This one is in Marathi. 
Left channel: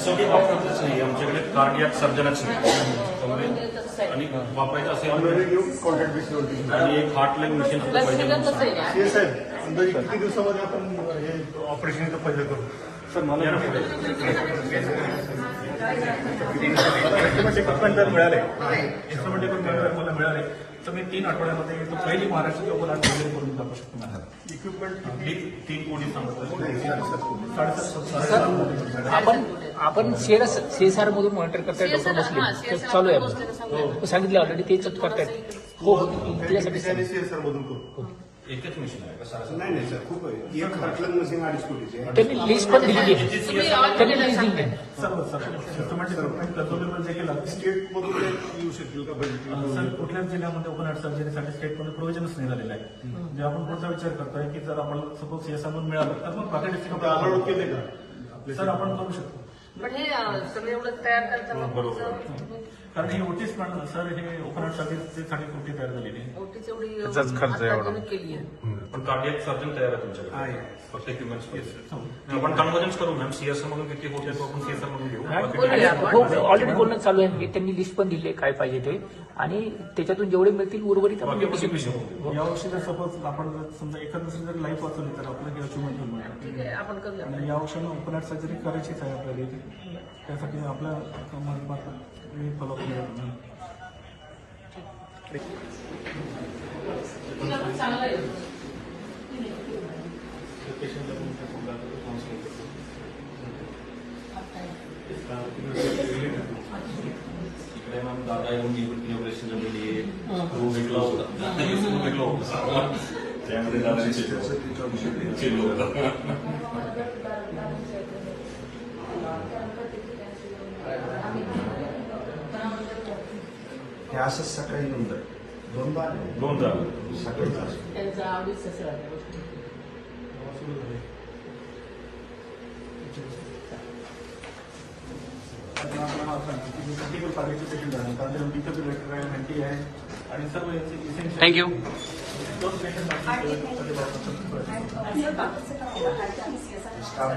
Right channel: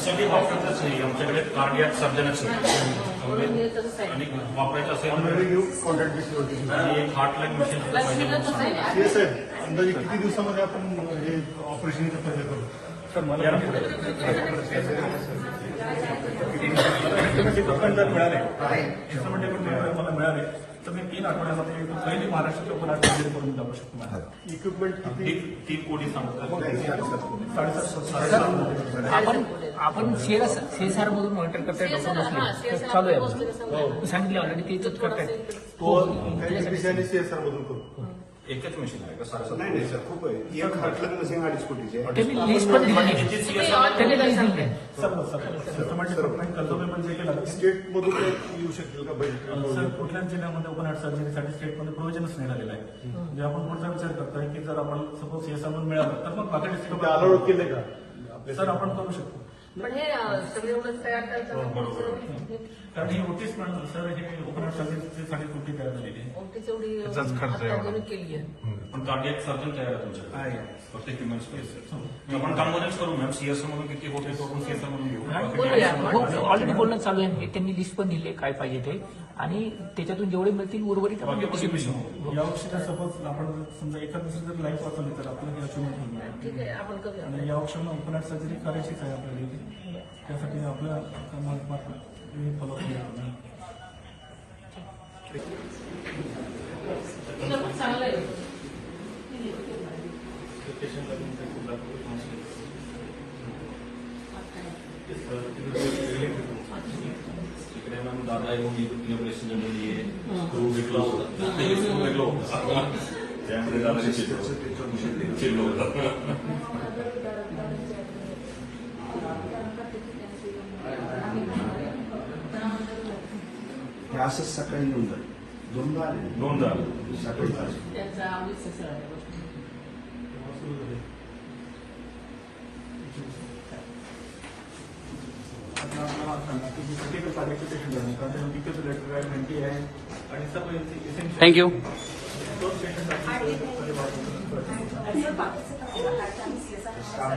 सगळी डॉक्टरच नाही आमच्याकडे कार्डियाक सर्जनच नाही आणि वापरायचं असेल आणि एक हार्टलाईन मशीन सुद्धा पाहिजे. साहेब अंदाजे किती दिवसामध्ये आपण हे ऑपरेशनचा फायदा करू? सर मला इक्विपमेंट जर मिळाले मला मिळाले तर मी 3 आठवड्यामध्ये पहिली महाराष्ट्र लोकल वगैरे करून जाऊ शकतो. इक्विपमेंट 3 कोटी सांगतो. आपण सीएसआर मधून मॉनिटर करताय डॉक्टर बसले चालू आहे. आपण सांगितलं ऑलरेडी ते चेक करतायत. हो त्यासाठी सीएसआर मधून करू. एकच मशीन आहे त्यांनी लिस्ट पण दिली. त्यांनी लिस्ट दिली. स्टेट मधून येऊ शकतो का? सर कुठल्याच जिल्ह्यामध्ये ओपन हार्ट सर्जरीसाठी स्टेटमध्ये प्रोव्हिजनच नाही झालेलं आहे. म्हणजे आपण पुढचा विचार करतोय की जर आपण सपोज सीएसआर म्हणून मिळालं तर मग बाकी डिस्ट्रिक्ट अलाउड केले का? सर आपण करू शकतो. पण हे सगळं एवढं तयार करायचं कारण हे ओटीस पण सर हे ओपन हार्ट सर्जरीसाठी कुठे तयार झालेली आहे. ओटीच एवढी केली आहे. पण कार्डियाक सर्जन तयार आहे तुमच्याकडे फक्त इक्विपमेंट्स आपण त्यामध्येच करू मॅम. सीएसआर मधून किती होते तो आपण सीएसआर मधून घेऊ. हो ऑलरेडी बोलणं चालू आहे. त्यांनी लिस्ट पण दिली काय पाहिजे ते आणि त्याच्यातून जेवढे मिळतील उर्वरित आपण यावर्षी जर सपोज आपण समजा एका दिवशी जर लाईफ वाचवली तर आपल्याला अचिव्हमेंट मिळेल. ठीक आहे आपण करूया. आणि या वर्षी ओपन हार्ट सर्जरी करायचीच आहे आपल्याला. त्यासाठी आपल्या फॉलोअप मिळेल. इकडे मॅम दादा येऊन इनोग्रेशन झालेली आहे. क्रू विकला होता त्यामध्ये दादा चिल्लो होता. हे असंच सकाळी येऊन जाईल. दोन झालं सकाळी त्यांचा आवडीचं थँक्यू. स्टाफ